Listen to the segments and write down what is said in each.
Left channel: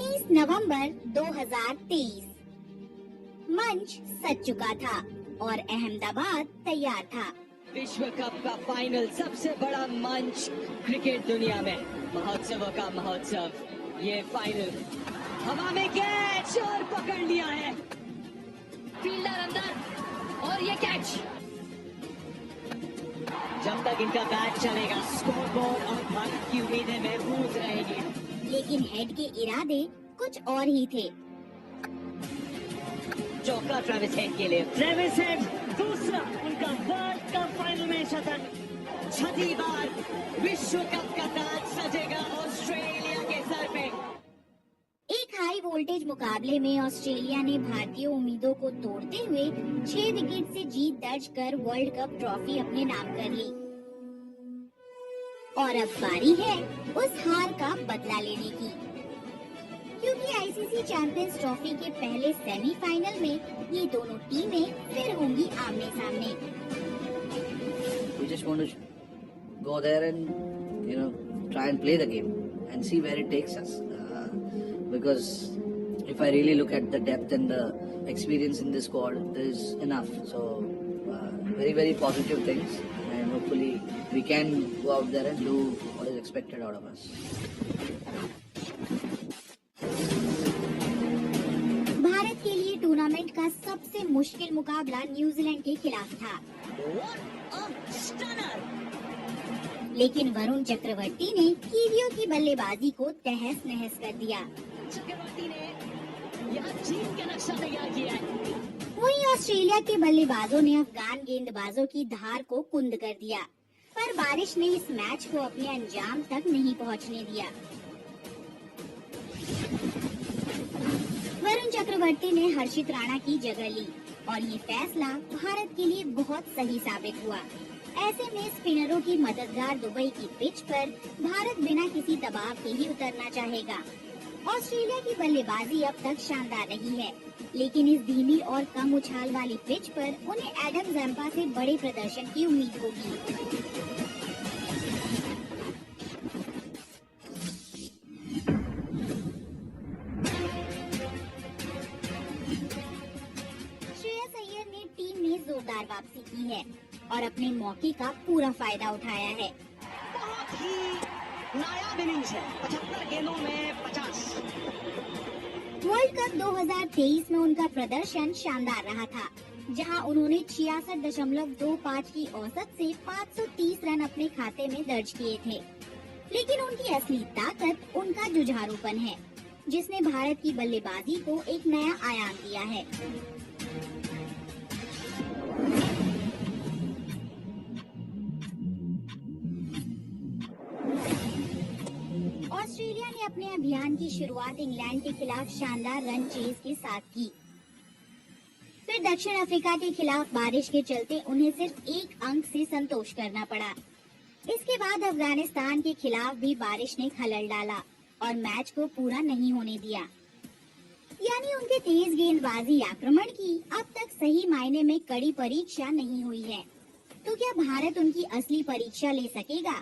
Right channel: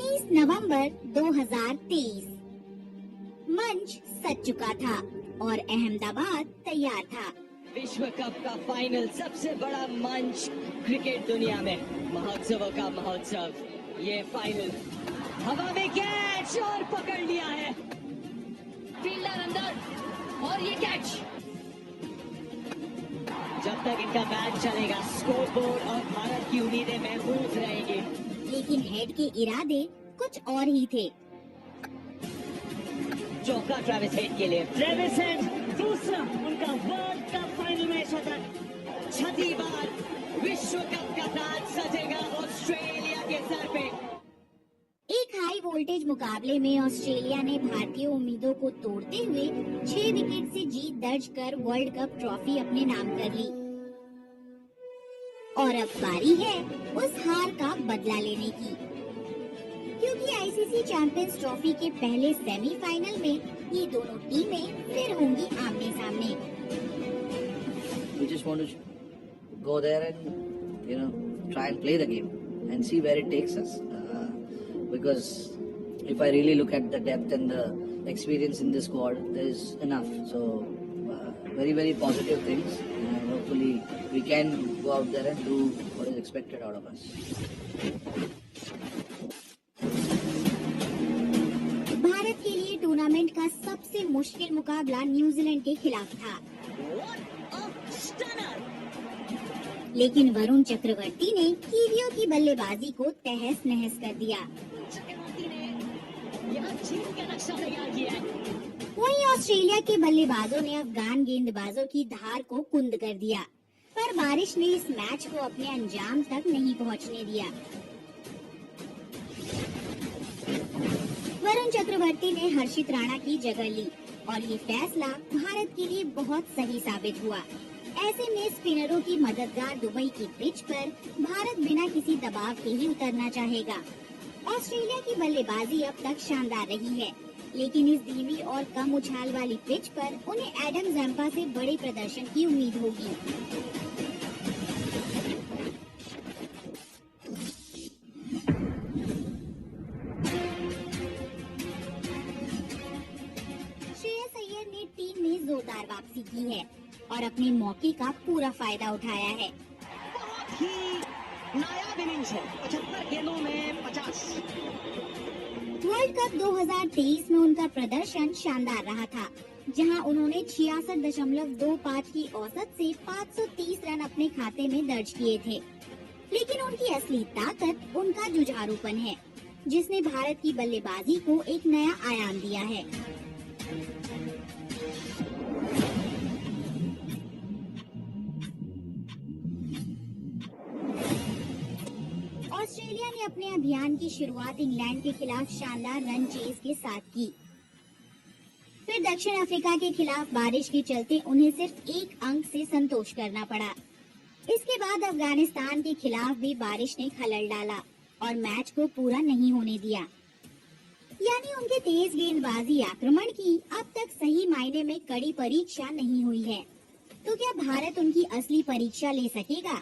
19 नवंबर 2023 मंच सज चुका था और अहमदाबाद तैयार था। विश्व कप का फाइनल, सबसे बड़ा मंच क्रिकेट दुनिया में, महोत्सवों का महोत्सव। ये फाइनल हवा में कैच और पकड़ लिया है, फील्डर अंदर और ये कैच। जब तक इनका बैट चलेगा स्कोरबोर्ड और भारत की उम्मीदें महफूज रहेंगी। लेकिन हेड के इरादे कुछ और ही थे। चौका ट्रेविस हेड के लिए। ट्रेविस हेड दूसरा उनका वर्ल्ड कप फाइनल में शतक। छठी बार विश्व कप का ताज सजेगा ऑस्ट्रेलिया के सर पे। एक हाई वोल्टेज मुकाबले में ऑस्ट्रेलिया ने भारतीय उम्मीदों को तोड़ते हुए 6 विकेट से जीत दर्ज कर वर्ल्ड कप ट्रॉफी अपने नाम कर ली। और अब बारी है उस हार का बदला लेने की, क्योंकि आईसीसी चैंपियंस ट्रॉफी के पहले सेमीफाइनल में ये दोनों टीमें फिर होंगी आमने सामने। We just want to go there and try and play the game and see where it takes us. Because if I really look at the depth and the experience in this squad, there is enough. So very, very positive things, and hopefully we can go out there and do what is expected out of us. Bharat के लिए tournament का सबसे मुश्किल मुकाबला New Zealand के खिलाफ था। लेकिन वरुण चक्रवर्ती ने कीवियों की बल्लेबाजी को तहस नहस कर दिया। चक्रवर्ती ने यहाँ जीत का नक्शा तैयार किया है। वहीं ऑस्ट्रेलिया के बल्लेबाजों ने अफगान गेंदबाजों की धार को कुंद कर दिया, पर बारिश ने इस मैच को अपने अंजाम तक नहीं पहुंचने दिया। वरुण चक्रवर्ती ने हर्षित राणा की जगह ली और ये फैसला भारत के लिए बहुत सही साबित हुआ। ऐसे में स्पिनरों की मददगार दुबई की पिच पर भारत बिना किसी दबाव के ही उतरना चाहेगा। ऑस्ट्रेलिया की बल्लेबाजी अब तक शानदार रही है, लेकिन इस धीमी और कम उछाल वाली पिच पर उन्हें एडम जैम्पा से बड़े प्रदर्शन की उम्मीद होगी। श्रेयस अय्यर ने टीम में जोरदार वापसी की है और अपने मौके का पूरा फायदा उठाया है। बहुत ही नायाब इनिंग्स है, 75 गेंदों में 50। वर्ल्ड कप 2023 में उनका प्रदर्शन शानदार रहा था, जहां उन्होंने 66.25 की औसत से 530 रन अपने खाते में दर्ज किए थे। लेकिन उनकी असली ताकत उनका जुझारूपन है, जिसने भारत की बल्लेबाजी को एक नया आयाम दिया है। ऑस्ट्रेलिया ने अपने अभियान की शुरुआत इंग्लैंड के खिलाफ शानदार रन चेज के साथ की। फिर दक्षिण अफ्रीका के खिलाफ बारिश के चलते उन्हें सिर्फ 1 अंक से संतोष करना पड़ा। इसके बाद अफगानिस्तान के खिलाफ भी बारिश ने खलल डाला और मैच को पूरा नहीं होने दिया। यानी उनके तेज गेंदबाजी आक्रमण की अब तक सही मायने में कड़ी परीक्षा नहीं हुई है। तो क्या भारत उनकी असली परीक्षा ले सकेगा?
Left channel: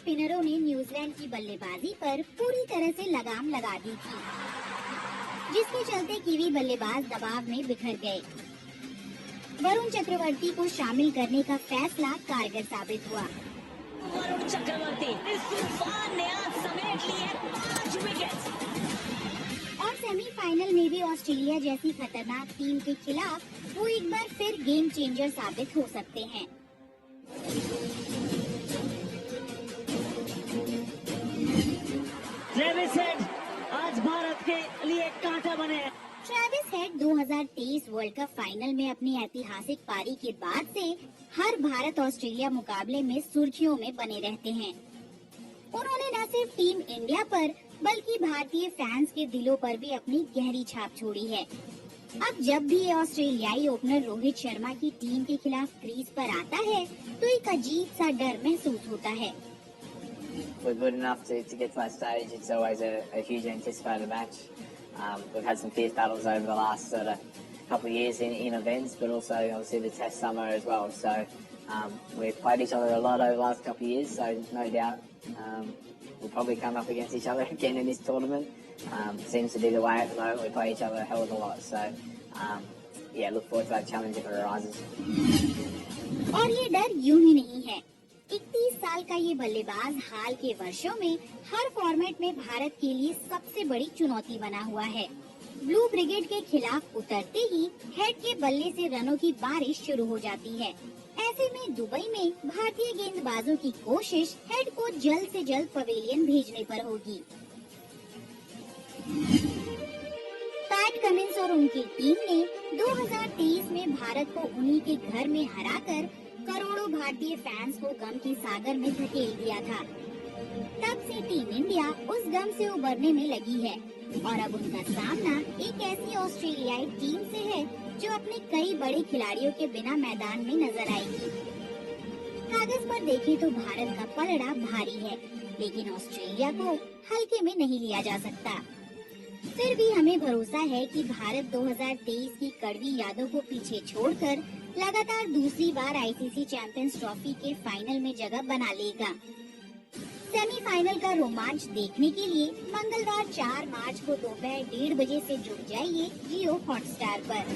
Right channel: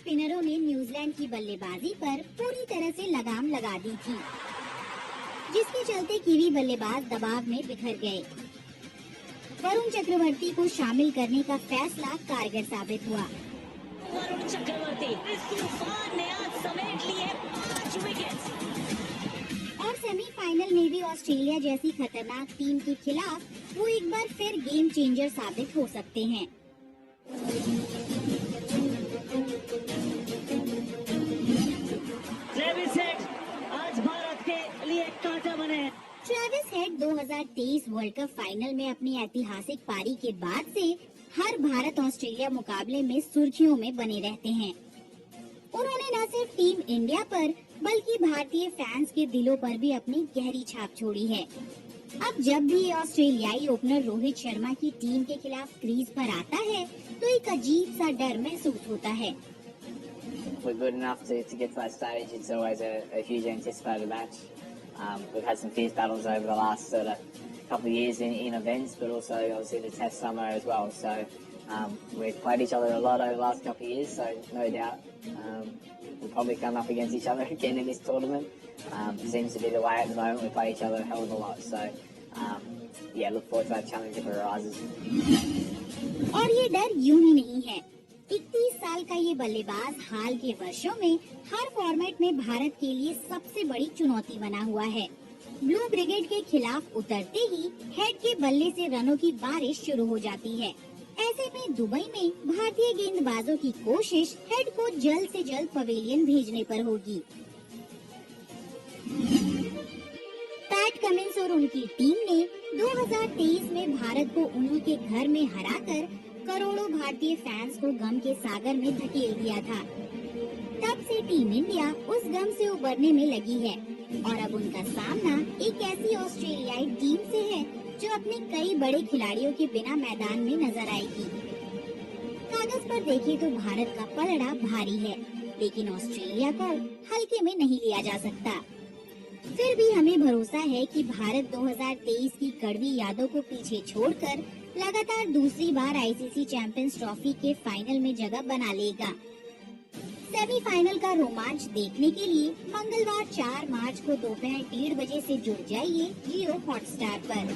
स्पिनरों ने न्यूजीलैंड की बल्लेबाजी पर पूरी तरह से लगाम लगा दी थी, जिसके चलते कीवी बल्लेबाज दबाव में बिखर गए। वरुण चक्रवर्ती को शामिल करने का फैसला कारगर साबित हुआ। वरुण चक्रवर्ती इस तूफान ने आज समेट लिए 5 विकेट। और सेमीफाइनल में भी ऑस्ट्रेलिया जैसी खतरनाक टीम के खिलाफ वो एक बार फिर गेम चेंजर साबित हो सकते हैं। ट्रेविस हेड आज भारत के लिए कांटा बने हैं। Travis head 2023 world cup final में अपनी ऐतिहासिक पारी के बाद से हर भारत ऑस्ट्रेलिया मुकाबले में सुर्खियों में बने रहते हैं। उन्होंने न सिर्फ टीम इंडिया पर बल्कि भारतीय फैंस के दिलों पर भी अपनी गहरी छाप छोड़ी है। अब जब भी ये ऑस्ट्रेलियाई ओपनर रोहित शर्मा की टीम के खिलाफ क्रीज पर आता है, तो एक अजीब सा डर महसूस होता है। We're good enough to get to that stage. It's always a huge anticipated match. We've had some fierce battles over the last sort of couple of years in events, but also obviously the Test summer as well. So We've played each other a lot over the last couple of years, so no doubt we'll probably come up against each other again in this tournament. Seems to be the way at the moment. We play each other a hell of a lot, so yeah, look forward to that challenge if it arises. और ये डर यूं ही नहीं है। 31 साल का ये बल्लेबाज हाल के वर्षों में हर फॉर्मेट में भारत के लिए सबसे बड़ी चुनौती बना हुआ है। ब्लू ब्रिगेड के खिलाफ उतरते ही हेड के बल्ले से रनों की बारिश शुरू हो जाती है। ऐसे में दुबई में भारतीय गेंदबाजों की कोशिश हेड को जल्द से जल्द पवेलियन भेजने पर होगी। पैट कमिंस और उनकी टीम ने 2023 में भारत को उन्हीं के घर में हराकर करोड़ों भारतीय फैंस को गम के सागर में धकेल दिया था। तब से टीम इंडिया उस गम से उबरने में लगी है और अब उनका सामना एक ऐसी ऑस्ट्रेलियाई टीम से है जो अपने कई बड़े खिलाड़ियों के बिना मैदान में नजर आएगी। कागज पर देखें तो भारत का पलड़ा भारी है, लेकिन ऑस्ट्रेलिया को हल्के में नहीं लिया जा सकता। फिर भी हमें भरोसा है कि भारत 2023 की कड़वी यादों को पीछे छोड़कर लगातार दूसरी बार आईसीसी चैंपियंस ट्रॉफी के फाइनल में जगह बना लेगा। सेमीफाइनल का रोमांच देखने के लिए मंगलवार 4 मार्च को दोपहर 1:30 बजे से जुड़ जाइए जियो हॉटस्टार पर।